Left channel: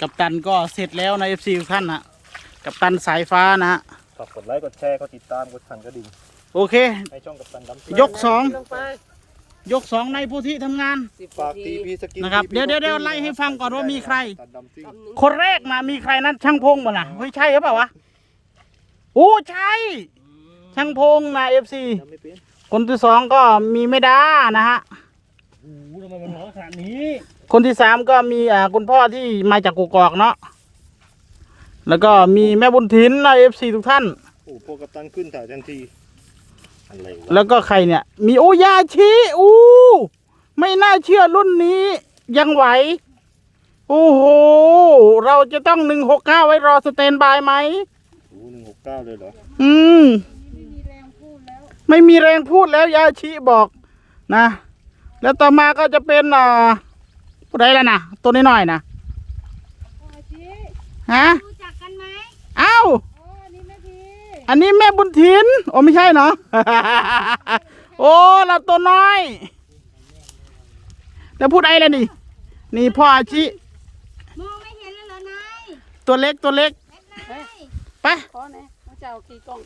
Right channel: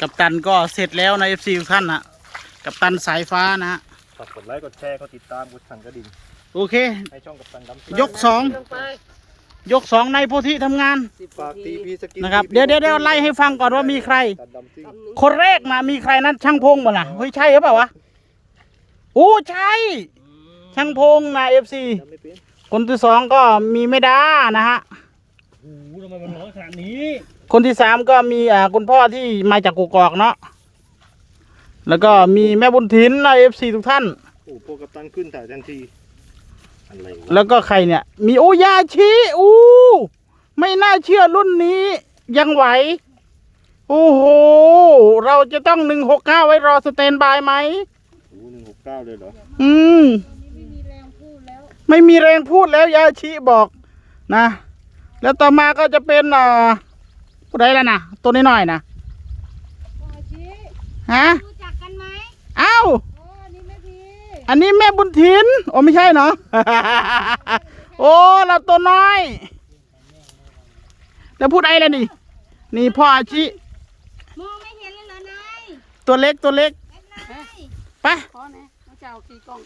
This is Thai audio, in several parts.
กับตันก็เสร็จแล้วในเอฟซีทุกท่านนะกับตันสายฟ้านะฮะฝากกดไลค์กดแชร์กดติดตามกดสั่นกระดิ่งโอเค ให้ช่องกับตันดำซิ่งยกสองยกสองในโพธิทำงานฝากตีพีสกินนะครับ เดี๋ยวเดี๋ยวเดี๋ยวไล่ให้ฟังก่อนว่ามีใคร ตันดำซิ่งคนแรกนะมีใครนั้นช่างพงบ่ล่ะเฮ้ยใช่หรือเปล่าวะโอ้ใช่ช่างพงนะเอฟซีทำไม่เป็นคนที่สองก็มีไม่ดานะฮะ โอ้โหทำไมมันร้องขนาดนี้ คนที่สามก็มีอ่าคุณพ่อที่มาจากกุกอกเนาะแล้วก็มีแม่บุญถินนะเอฟซีทุกท่าน โอ้โหพอกับตันขึ้นถ่ายทันที อะไรวะแล้วก็ใครเนี่ย มีโอยาชิอู้ไม่น่าเชื่อรุ่นนี้ยังไหว โอ้โห เราจะต้องหนึ่งหกเก้าไว้รอสเตนบายไหม โอ้หนึ่งหกเก้าเลยเหรอ อืม ไม่มีแรงพูดแล้วยาชิบอกนะ แล้วต่อมาก็จะเป็นอ่า ผู้ใดแล้วนะตัวน้อยๆนะอาชีฮะรู้จักกันไหมเอ้าโอ้อันนี้ไม่ดีอันนี้แม่บุญถินโอ้ไม่ใช่เนาะโอ้เราตัวน้อย แล้วพูดไอ้แล้วนี่ นี่พ่ออาชิมองไม่เห็นเลยเหรอนายตัวเล็กตัวเล็กเฮ้ยไปขอนะน้องเจ้าขี่กล้อง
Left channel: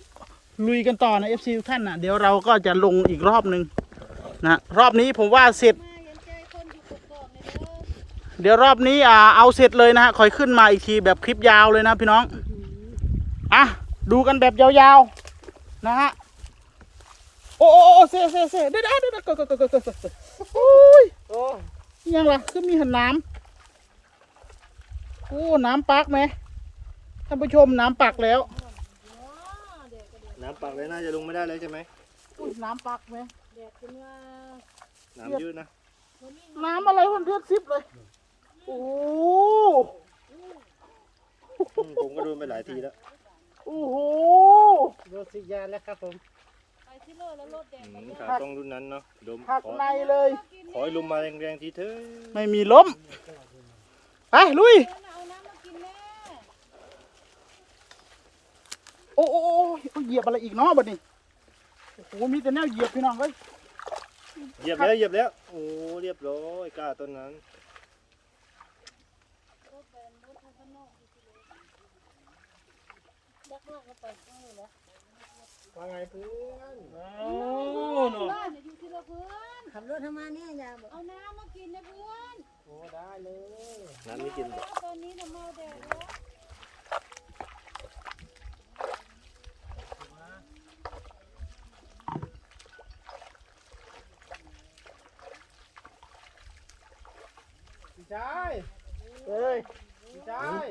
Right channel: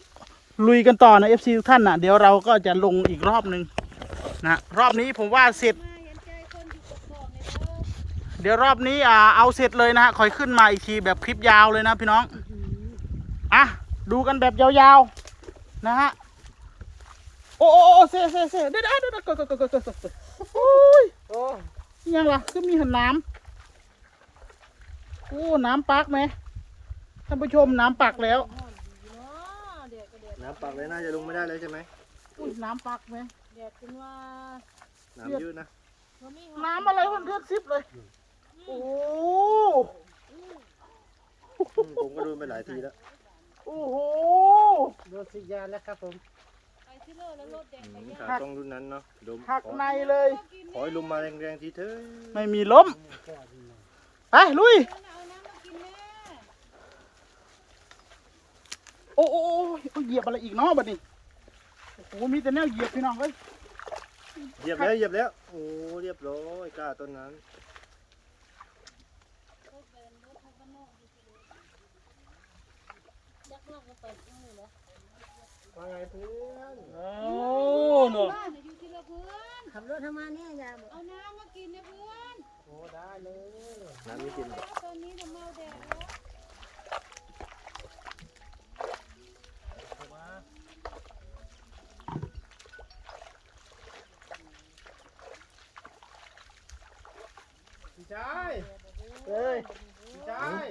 ลุยกันต่อนะ FC ทุกท่านนะเดี๋ยวเราก็จะลงอีกรอบหนึ่งนะรอบนี้ผมว่าเสร็จ เดี๋ยวรอบนี้อ่าเอาเสร็จเลยนะฮะคอยขึ้นมาอีกทีแบบคลิปยาวเลยนะพี่น้องอะดูกันแบบยาวๆนะฮะโอ้โอ้เซ่เซ่เซ่เด็ดเด็ดเด้อก็ก็ก็ก็โอ้ยโอ้ยยังล่ะคือมีหันน้ำโอ้น้ำปักไหมท่านผู้ชมน้ำปักแล้ว น้ำปักเลยน่าจะลงไม่ได้แล้วใช่ไหมอุ้น้ำปักไหมแดดคุนว่าน้ำเยอะนะ น้ำอะไรมันเดือดซิบเลย โอ้อืมผมก็โดนไปหลายทีแล้วโอ้โหโดนสิยานแล้วครับผมไปที่โลแล้วรถแดงอืไปมย่างขาต้องรุ่นนั้นเนาะโดนขหักอในเลยขอให้ลมมาแรงๆทีเถอะไม่มีล้มไปลุย เอาน้ำมากินแม่โอ้โอ้โอ้เหยียบอะไรอีกเนาะบัดนี้โอ้โหมีแต่แนวเหยียบพี่น้องเอ้ยเหยียบแล้วเหยียบแล้วโอ้เรียบร้อยกล้าต้นนั้น รถแดงรถข้างนอกดูสิเลยยักษ์โลกมาเปิดตรงนี้เหรอ ว่าไงเพื่อนโอ้เนาะบ้านน่ะอยู่ที่ละเพื่อนขับรถทำไมาเนี่ยยามเอาน้ำมากินนะเพื่อนโอ้ได้เลยนั้นไม่กินแล้วตอนนี้น่ะเมาแดดแล้วพี่ชายเฮ้ยพี่ชาย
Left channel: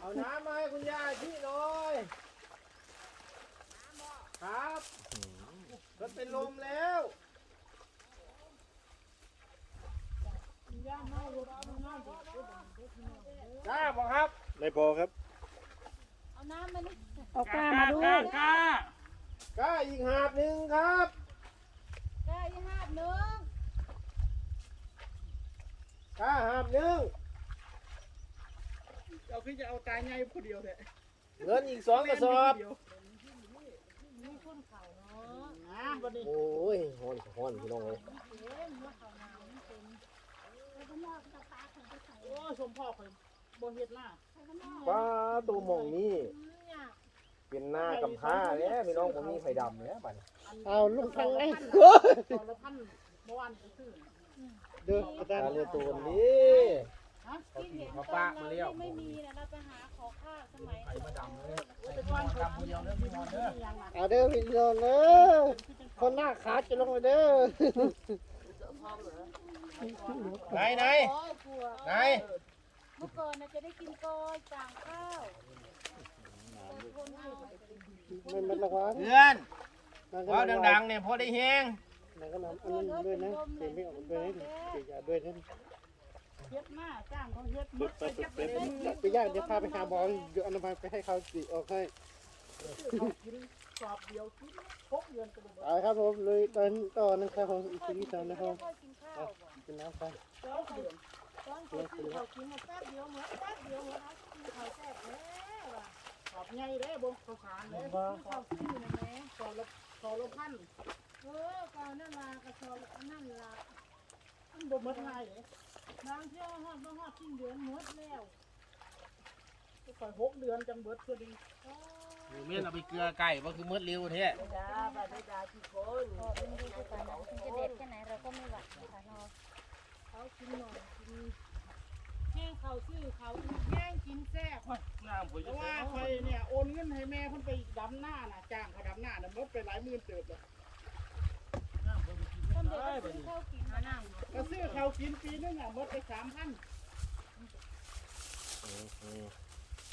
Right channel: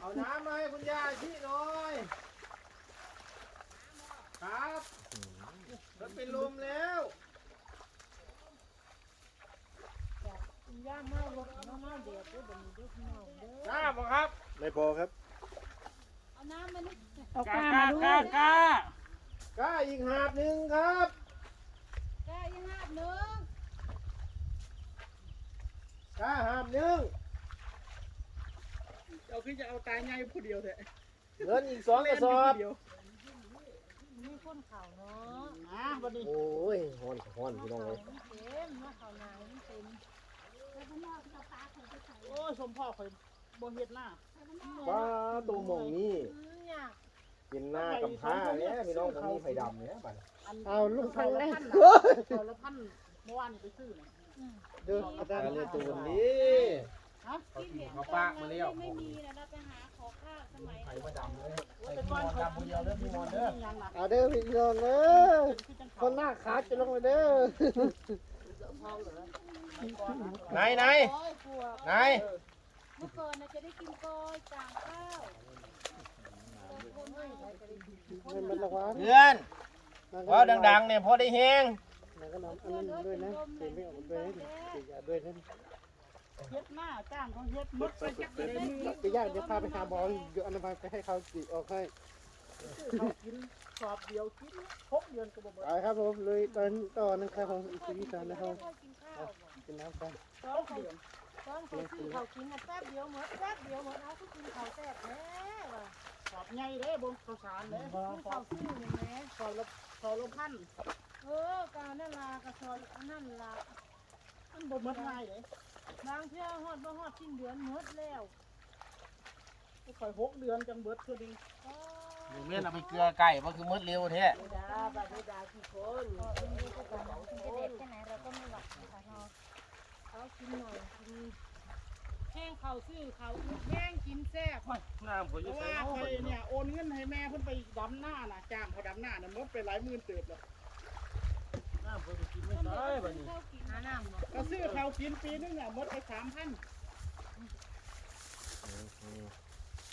เอาน้ำมาให้คุณยายพี่หน่อยครับรถเป็นลมแล้วย่ามากรถเอาน้ำเดือดด้วยบัดนี้ด้วยพี่น้องเด้อกล้าบอกครับไม่พอครับ เอาน้ำมานี่เอากล้ามาด้วยกล้ากล้าอีกหาบหนึ่งครับกล้ายังหาบหนึ่งกล้าหาบหนึ่ง เอาขึ้นจะเอาตายไงผู้เดียวแท้เงินอีกสองกเล่ระนสอยู่อผู้บเดียวมีคนเข่าเนาะอะบัดนี้โอ้ยฮอนฮอนพี่น้องเข่าเลยมันเต็มว่าเข่าหนาวมันเต็มโอ้ยสมพ่อข่อยบ่เฮ็ดหน้าป้าตัวหมองนี่อืมอยากเป็นหน้ากับผ้าเนี่ยพี่น้องผมมีไข่ดำเนี่ยบัดนี้อันเอาลูกซองละไข่พันนะซองละพันเมื่อวานนี่ไปซื้อนะเดือดการเรียนตัวนี้ฮะ เขาขี่มาฟากมาเลี้ยวไม่มีนะเราไปหาขอข้าวสมัยไข่มาดำเลยโอ้ยแต่ก่อนข่อยกินเดียวเด้อพี่มอนเด้อยังหนักเอาเด้อพี่น้องเด้อเป็นคือจังคเขานหน้าขาจะลงไปเด้อไหไหนนไหนโอ้ยปวดไหนเมื่อก่อนเราจะได้กินกอยจางข้าวแต่คนเอามันมันละวะเพื่อนพอดังๆเนี่ยพอได้แห้งๆก็นอนอันนี้ด้วยนะเก็บไม่ออกด้วยนะเก็บยาด้วยนะ เฮ็ดหน้าจ้างเขาเฮ็ดหมดไปจักเลยมือไปย่างเดี๋ยวพาไปหาบอลเดี๋ยวอนนั้นพาไปให้เขาติออกให้เขากินสอบเดียวกินหกเดือนก็บ่เบิดครับผมเลยตอนต่อนะครับผมอีกทีที่สามนะครับกินข้าวกินน้ำกันตอนเขาตอนเขาซื้อเขากินแป๊บเดียวหมดแป๊บเดียวหมดเอาก็กินเขาแซ่บแท้ว่ะสอบใหญ่เด้บ่ข้าวสารเด้ซื้อเขาซื้อนะแม่สอบละสอบละพันเออกาวนั่นลากระชอนอันนั่นละมันบ่หมดง่ายเด้ บางเที่ยวฮอดบ่ฮอดสิ้นเดือนหมดแล้วคอยหกเดือนจังเบิดเพื่อดีก็เมียนเอาไปเกลือไก่มันคือมืดเร็วแท้ไม่ดาบัดไม่ดากี่คนไอ้ไอ้มาเป็นสองคนเขากินหน่อยกินแห้งเขาซื้อเขาแห้งกินแซ่บน้ำผมเพราะว่าคอยเนี่ยโอนเงินให้แม่เพิ่นไปดำหน้าน่ะจ้างเขาดำหน้าน่ะหมดไปหลายหมื่นเติบเลยน้ำผม กินไม่ได้บัดนี้ข้าวกินหาน้ำเนาะก็ซื้อเขาวกินปีนึงอะหมดไปสามพัน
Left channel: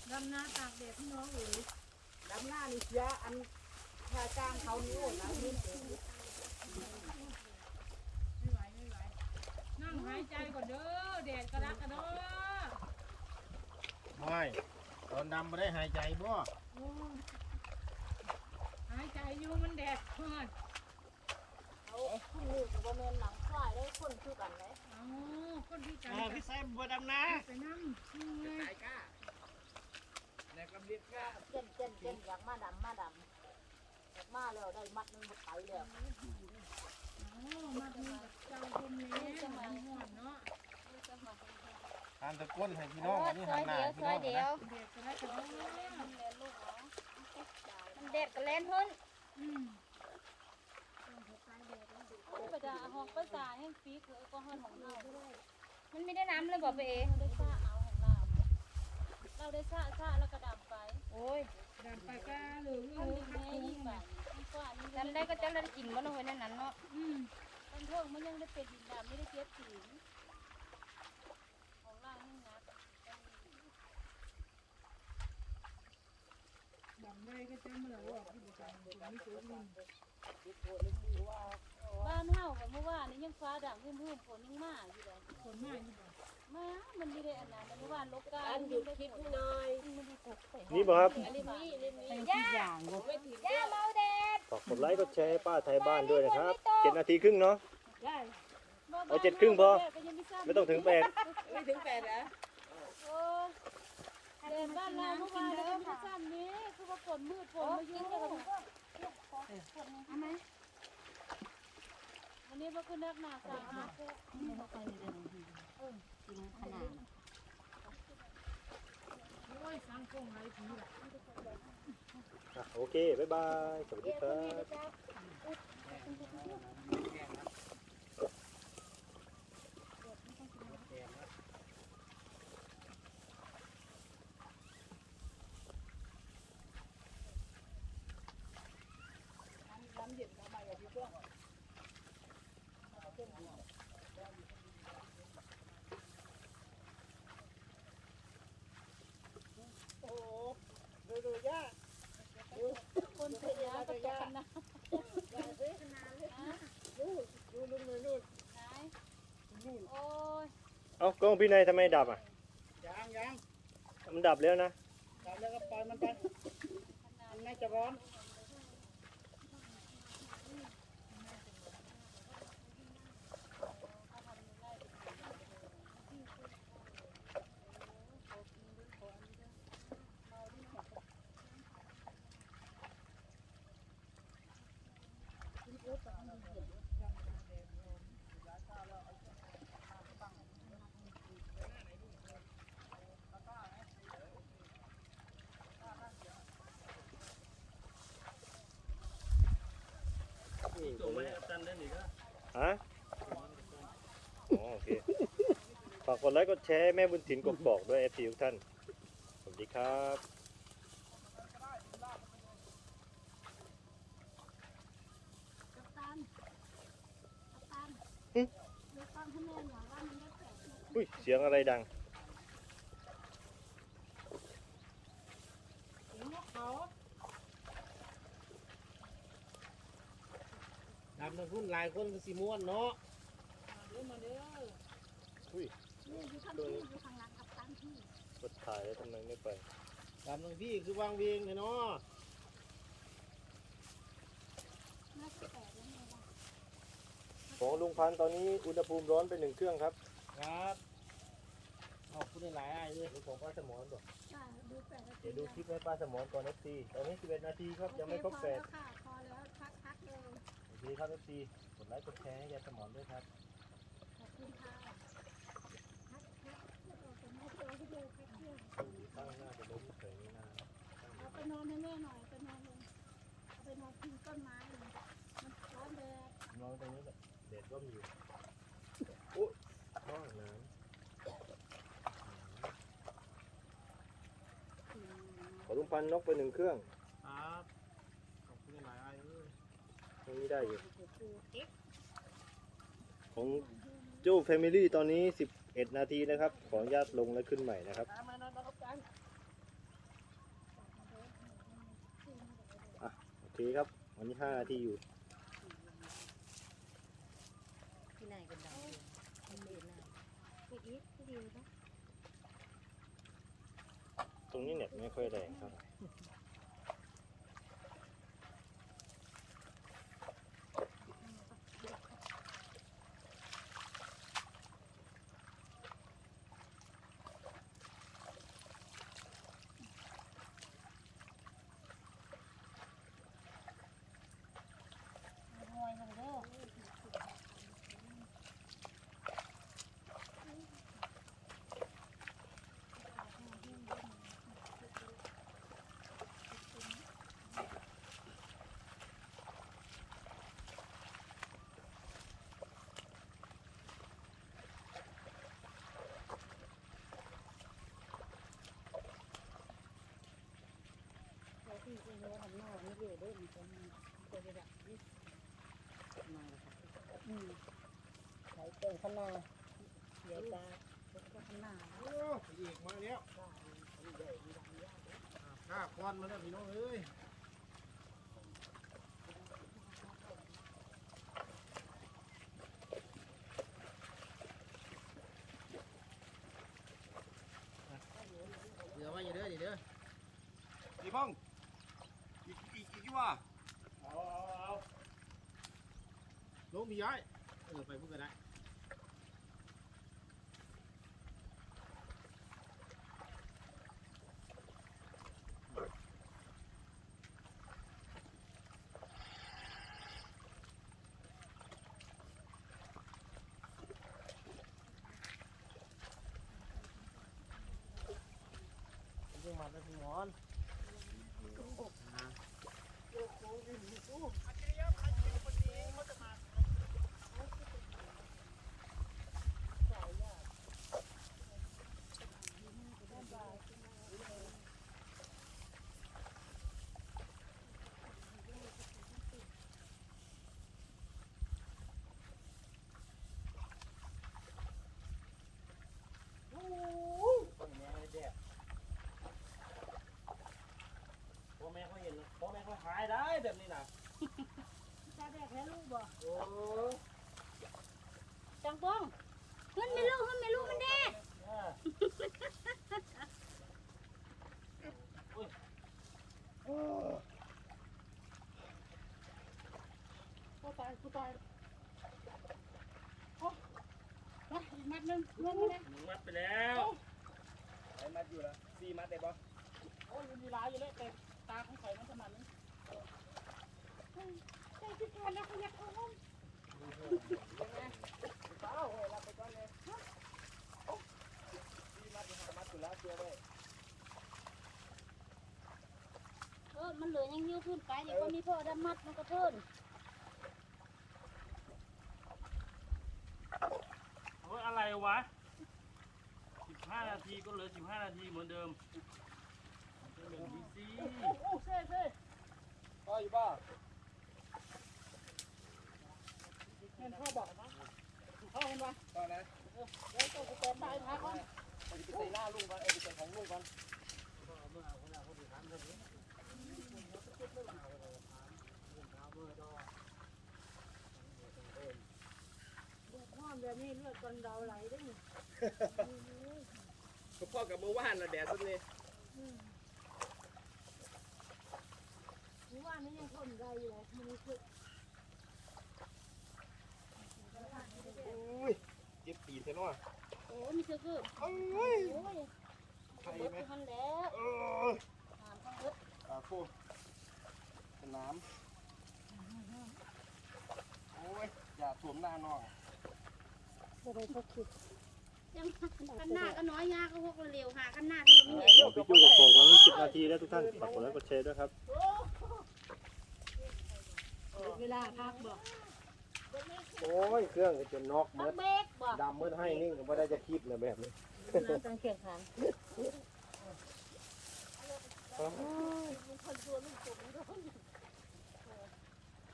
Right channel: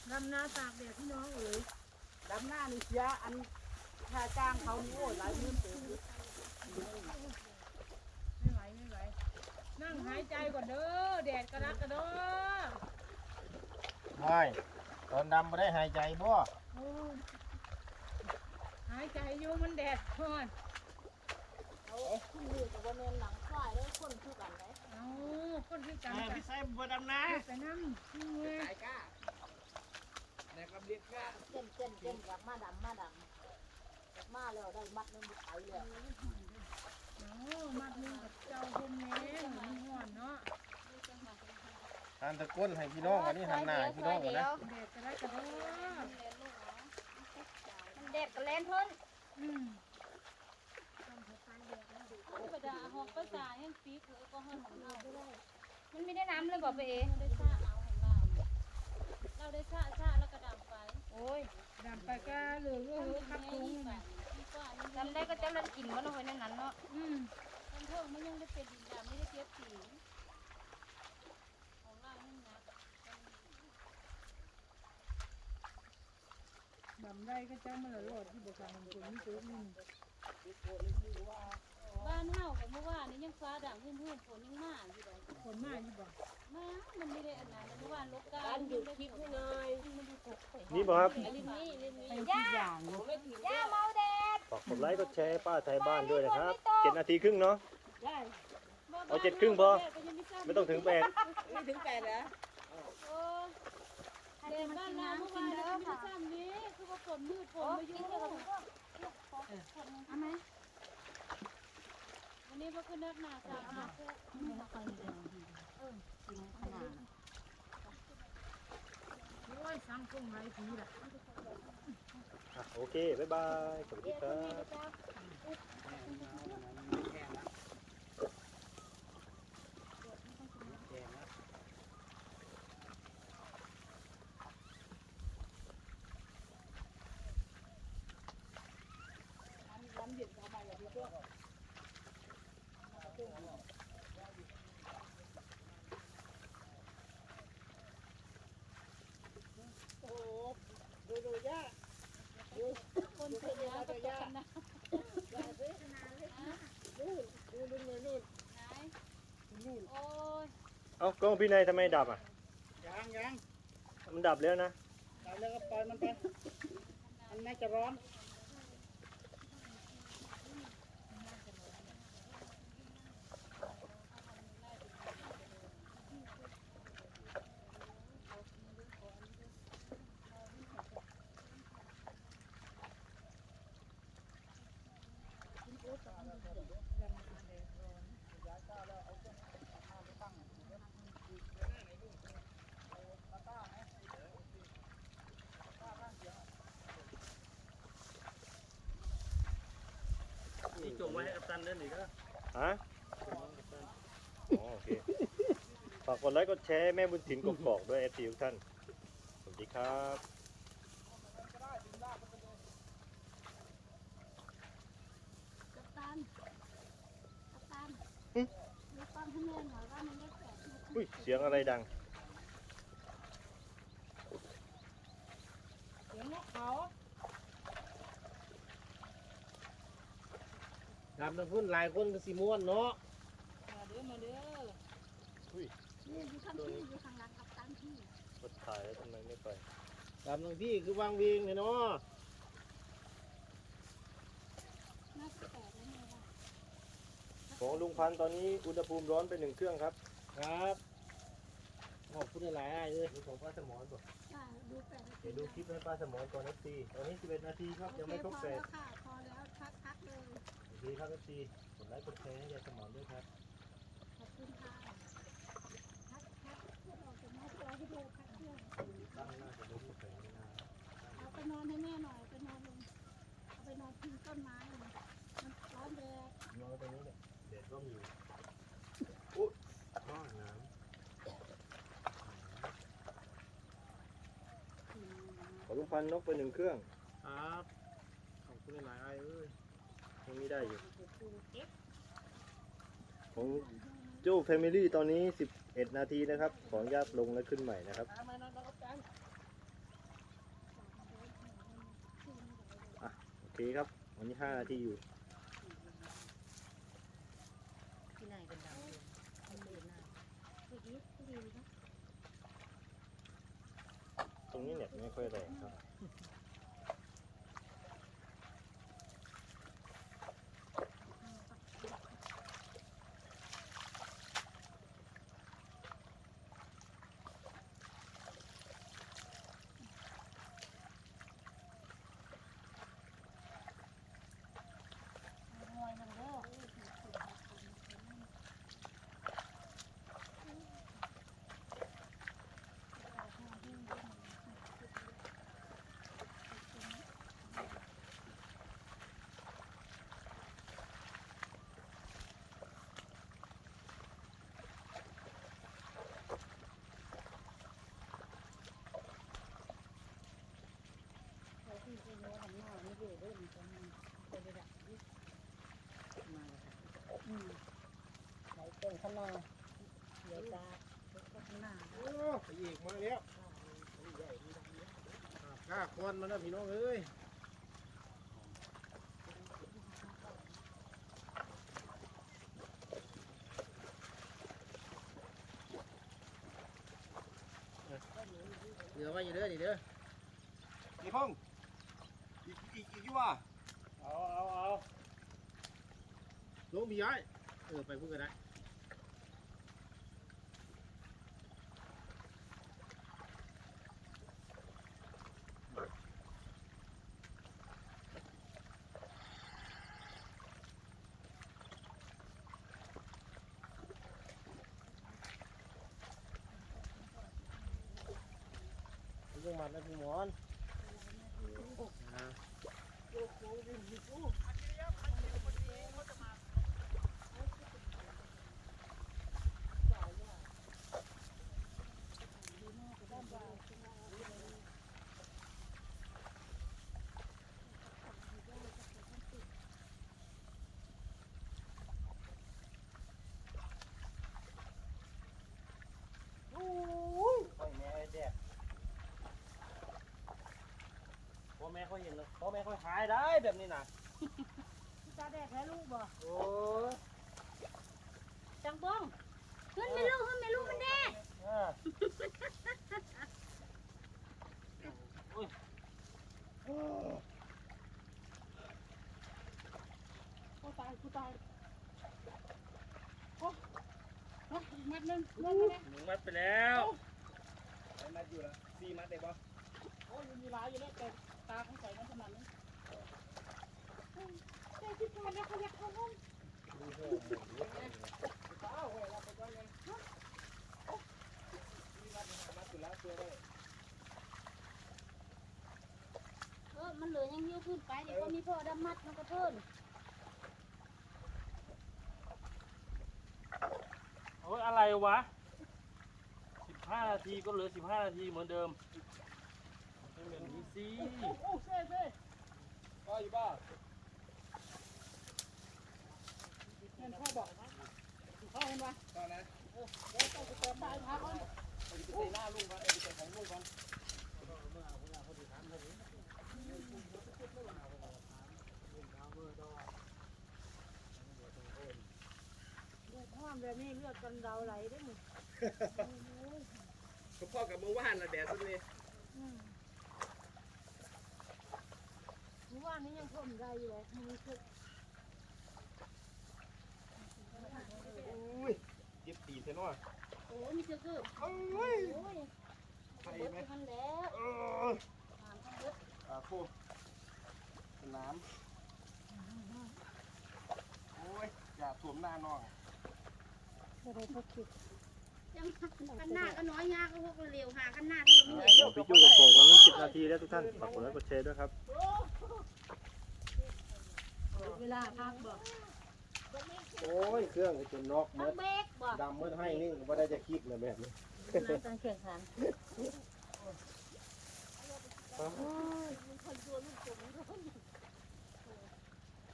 ดำนาตากแดดพี่น้องเอ๋ยดำหน้านี่เสียอันค่าจ้างเขานี่โอ้ยหลายหมื่นเติบอยู่ไม่ไหวไม่ไหวนั่งหายใจก่อนเด้อแดดกระดักกระเด้อไม่ตอนดำไม่ได้หายใจบ่โอ้หายใจอยู่มันแดดร้อน เอาขึ้นนี่กับว่าแม่นหนังควายได้คนคือกันไหมเอาคนที่ตายแม่ไปพี่ใส่บัวดำนาแต่น้ำนี่เลยตายก้าแต่กำเรียกก้าเต้นเต้นเต้นอยากมาดำมาดำอยากมาแล้วได้มัดหนึงหมดไปแล้วเอามัดมือกับเจ้าคนนี้มันห่อนเนาะหันตะก้นให้พี่น้องวันนี้หันหน้าให้พี่น้องก่อนนะแดดกระดักกระเด้อเด็ดก็เล่น มก็จะหอกภาษาแห่งฟีกเลยก็ห้องของเรามันไม่ได้น้ำเลยบอกไปเองเราได้ชาชาแล้วก็ดับไปโอ้ยดำไปก้าเหลือเออขับในตรงนี่แบบนี่ก็อันนี้ทำได้ก็จะเรากินมันลงไปในนั้นเนาะอืมเป็นพวกมันยังได้เป็นดินแดนไม่ได้เทียบถึงของเรานี่นะดำได้ก็จ้งมาเลยว่าที่เด็กดำเป็นนี่ตัวนึง บ้านเฮากับเมื่อวานนี้ยังฟ้าด่างพื้นพื้นฝนยังมาอยู่เลยคนมากอยู่บ่มามันไม่ได้อันนั้นเมื่อวานลบกาอันหยุดคลิปให้หน่อยนี่บ่ครับอันนี้นี่เล่นนี่เป็นทุกอย่างผมไม่ถึงด้วยเมาแดดฝากกดไลค์กดแชร์ให้ป้าไทยบ้านด้วยนะครับเจ็ดนาทีครึ่งเนาะได้เอาเจ็ดครึ่งพอไม่ต้องถึงแปดไม่ถึงแปดเหรอโอ้แดดบ้านเราเมื่อวานแล้วก็มีซ้ำนี้คือว่าฝนมืดฝนมาอยู่วัน นี้ก็คือนักหนาสาหัสเลยโอ้ยสังคมไรทีละโอเค บ๊ายบาย สวัสดีครับ น้ำเย็นเข้ามาอย่างที่ตัว คนเสร็จแล้วก็ตกกันนะนู่นนู่นนู่นนู่นไหนโอ้ยเอ้ากล้องพี่นายทำไมดับอะยางยางมันดับแล้วนะดับแล้วก็ปล่อยมันไป มันน่าจะร้อน นเล่นอีกนะฮะอ๋อโอเคฝากกดไลค์กดแชร์ให้แม่บุญถิ่นกกอกด้วยเอฟซีทุกท่าน สวัสดีครับกัปตันกัปตันอืมดูความขโมยหน่อยว่ามันได้แปดนาทีอุ้ยเสียงอะไรดัง เสียงนกเขา ดำทั้งพุ่นหลายคนก็สิม่วนเนาะมาเด้อมาเด้อนี่อยู่ข้างที่อยู่ข้างหลังกัปตันที่กดถ่ายแล้วทำไมไม่ไปดำทั้งที่คือวางเวงเลยเนาะน่าจะแปดแล้วไงล่ะของลุงพันธุ์ตอนนี้อุณหภูมิร้อนไปหนึ่งเครื่องครับ ครับขอบคุณหลายๆเลยนี่ของป้าสมอนป่ะจ้าดูแปดนาทีเดี๋ยวดูคลิปให้ป้าสมอนก่อนเอฟซีตอนนี้11นาทีครับยังไม่ครบพแปอดแล้วค่ะพอแล้วพักพักเลย โอเคครับเอฟซีกดไลค์กดแชร์ให้ยายสมอนด้วยครับ ขอบคุณค่ะมาตัวให้ดูพักเครื่องตั้งน่าจะล้มแข็งไม่นานเอาไปนอนให้แม่หน่อยเอาไปนอนลงเอาไปนอนพิงต้นไม้เลยมันร้อนเลยนอนตรงนี้แหละเด็ดร่มอยู่อุ๊ยนอนน้ขอลุงพันนกไปหนึ่งเครื่องำครับ ขอบคุณหลายๆไอ้เอ้ยตรง นี้ได้อยู่ของจู้แฟมิลี่ตอนนี้ 11 นาทีนะครับ ของญาติลงแล้วขึ้นใหม่นะครับโอเคครับอันนี้ 5 นาทีอยู่ตรงนี้เนี่ยไม่ค่อยแรง เท่าไหร่โอ้ไปอีกมาแล้วกล้าควันมาแล้วพี่น้องเอ้ยเหลือไว้อยู่เด้อนี่เด้อนี่พ่องอีกอีกอีกว่าเอาเอาเอาลงพี่ย้ายเออไปพูดกันได้ จังมัดนะพี่หมอนอ่าโพ่อแม่เขาเห็นแล้วพ่อแม่เขาหายได้แบบนี้นะตาแดดแพ้ลูกบ่โอ้ยจังป้องมันไม่ลูกมันไม่ลูกมันแดดอ่าโอ้ตายกูตายโอ้มาอีกมัดหนึงลงมาเลยหนึ่งมัดไปแล้วไอ้มัดอยู่ละสี่มัดได้ปะโอ้ยมันมีหลายอยู่เลยแต่ ตาของข่อยมันขนาดนี้ใช่ที่การแล้วเขาอยากเข้าห้องเออมันเหลือยังยืดขึ้นไปเดี๋ยวก็มีพ่อดำมัดมันก็เพิ่นโอ้ยอะไรวะสิบห้านาทีก็เหลือสิบห้านาทีเหมือนเดิมมันเป็นแบบนี้ สิโอ้โอ้เซ่เซ่ก็อยู่บ้าแม่นพ่อบอกพ่อมันว่าตอนนั้นเดี๋ยวต้องสแตนบายพักก่อนไปใส่าลุงกันไปใส่ของลุงกันดูพ่อแบบนี้เลือดกันเราไหลได้ไหนิพ่อกับเมื่านนะแดดสุดเลย อืมเมื่อ วานนี้ยังทนได้อยู่เลยมันคือเจ็บตีนใช่ไหมโอ้ยมันจะคือโอ้ยรถมันแล้วอ่าคู่น้ำโอ้ยอย่าสวมหน้าน้องจะได้พวกคิด โจังขันหน้าก็น้อยยากก็พวกเร็วหาขันหน้าก็ไม่เห็นของพี่จู้กอกๆตรงนี้10นาทีแล้วทุกท่านฝากกดไลค์กดแชร์ด้วยครับเวลาพับโอ้ยเครื่องก็จนนอกหมดดำมืดให้นี่ก็บ่ได้จะคิดเลยแบบนี้การแข่งขัน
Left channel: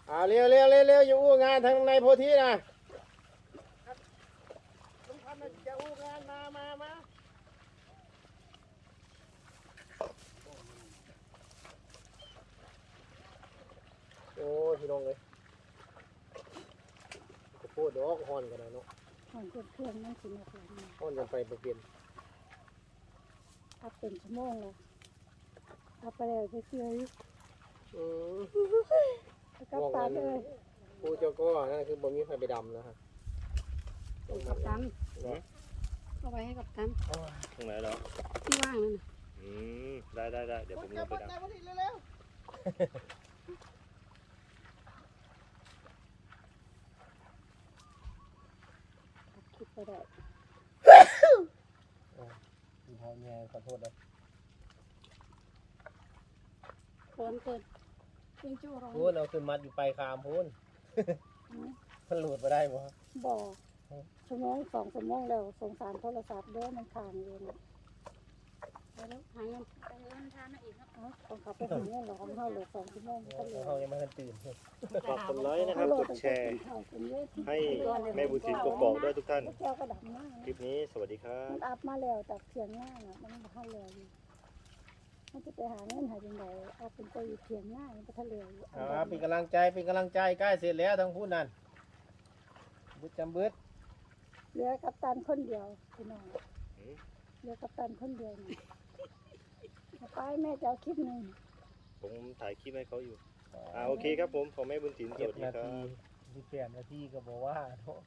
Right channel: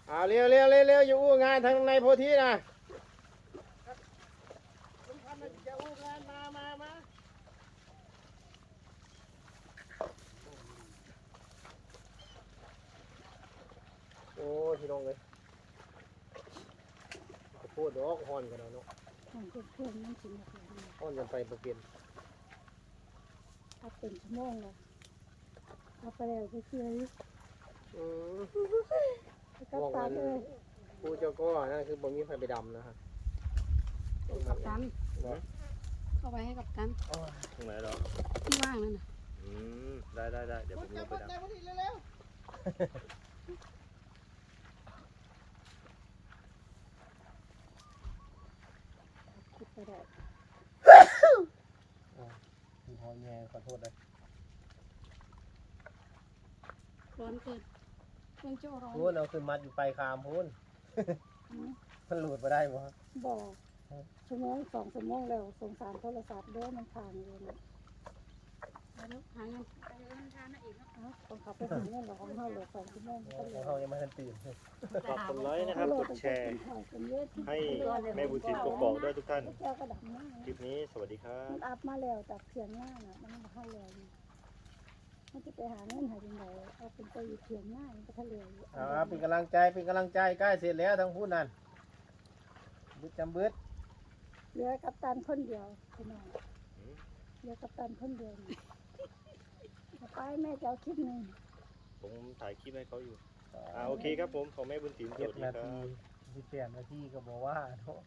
เอาเร็วเร็วเร็วเร็วอยู่งานทางในโพธินะ จะอู้งานมามามาโอ้ยพี่น้องเลยจะพูดดอกฮอนกันนะเนาะของเพื่อนมันสิหนักหลายฮอนกันไปบ่เปลี่ยนถ้าเป็นชั่วโมงเลยเอาไปเลยก็เชื่ออืมก็ตาเลยผู้เจ้าก็นั่นคือบ่มีใครไปดำนะครับเป็น กัปตันเข้าไปให้กัปตันตรงไหนเหรอที่ว่างนั่นน่ะอืมได้ได้ได้เดี๋ยวผมลงไปดับคิดไปได้พี่พ่อแม่ขอโทษนะร้อนเกินเครื่องโจ้ร้อนพูนเอาคุณมัดอยู่ไปคามพูนมันหลุดมาได้บ่บ่ ชั่วโมงสองชั่วโมงแล้วสงสารโทรศัพท์เด้อมันพังอยู่นะไปแล้วหาเงินโอ้ยมันทานอีกเนาะผมขับไปหาเงินแล้วของเขาเหลือสองชั่วโมงก็เหลือ เขายังไม่ทันตื่นฝากกดไลค์นะครับโลกตั้ดงแชแต่ร์กินข้าวกันเยอะให้แม่บุญถินกกอกด้วยทุกท่านพวกแกก็ดับมากคลิปนี้สวัสดีครับ มันอัพมาแล้วจากเพียงหน้าเนี่ยมันมาเข้าเลยมันจะไปหาเงินหาจังไดเอาเป็นไปอยู่เพียงหน้ามันก็ทะเลอยู่อ่าเป็นกำลังใจเป็นกำลังใจใกล้เสร็จแล้วทั้งพูดนั่นบุญจำเบิด เหลือกัปตันคนเดียวพี่น้องอืมเหลือกัปตันคนเดียวนี่เอาไปแม่จะเอาคลิปหนึ่งผมถ่ายคลิปให้เขาอยู่อ่าโอเคครับผมของแม่บุญถินสเจ็ดวัสดีนาครับทีสิบแปดนาทีก็บอกว่าเนาะ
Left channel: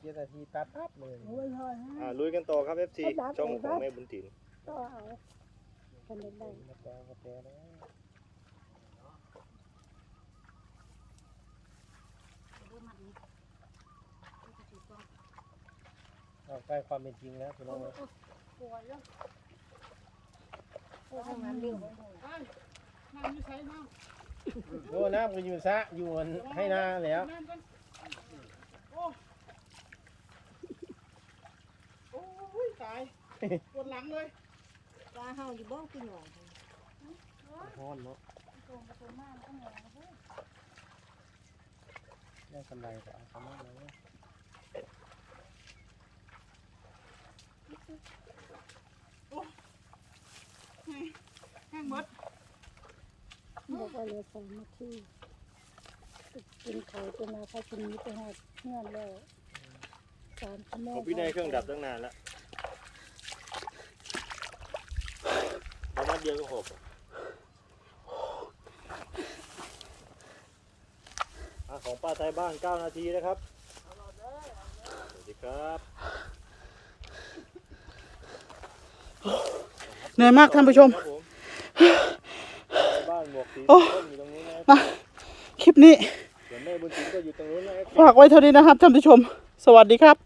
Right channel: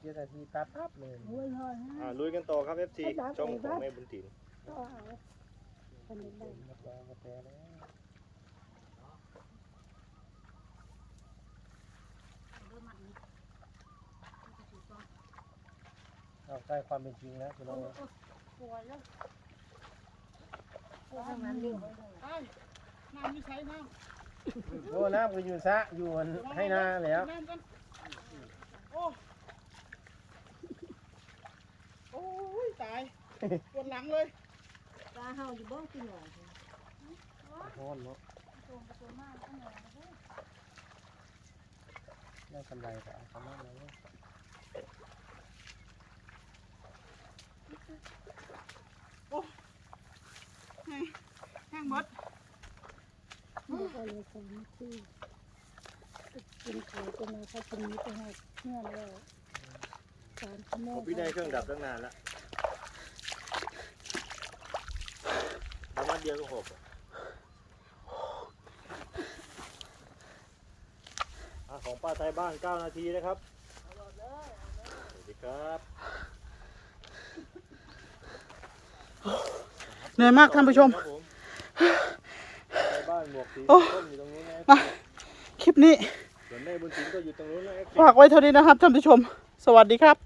เจ็ดนาทีปั๊บปั๊บเลยโอ้ยโอ้ยอ่าลุยกันต่อครับ FC ช่องของแม่บุญถินก็เอาคนเดียวได้มาแต่มาแต่แล้ว เอาใกล้ความเป็นจริงแล้วพี่น้องปวดแล้วไอ้น้ำอยู่ใช้น้ำโอ้น้ำก็อยู่ซะอยู่บนให้นาแล้วน้ำกันโอ้โอ้ยตายปวดหลังเลยปลาเฮาอยู่บ้านกินหน่อยร้อนเนาะได้กำไรก็เอากำไรเลย แห้งหมดเดี๋ยวก็เหลยสองนาทีกินไข่จะมาพัชนีไปหาเงื่อนแล้วสามชั่วโมของงพี่นายเครื่องดับตั้งนานแล้วนัดเดียวก็หกอะอะของป้าไทยบ้าน 9 นาทีนะครับสวัสดีครับ เหนื่อยมากท่านผู้ชมครับผมบ้านหมวกสีส้มอยู่ตรงนี้นะมาคลิปนี้เดี๋ยวแม่บุญถินก็อยู่ตรงนู้นนะครับฝากไว้เท่านี้นะครับท่านผู้ชม สวัสดีครับ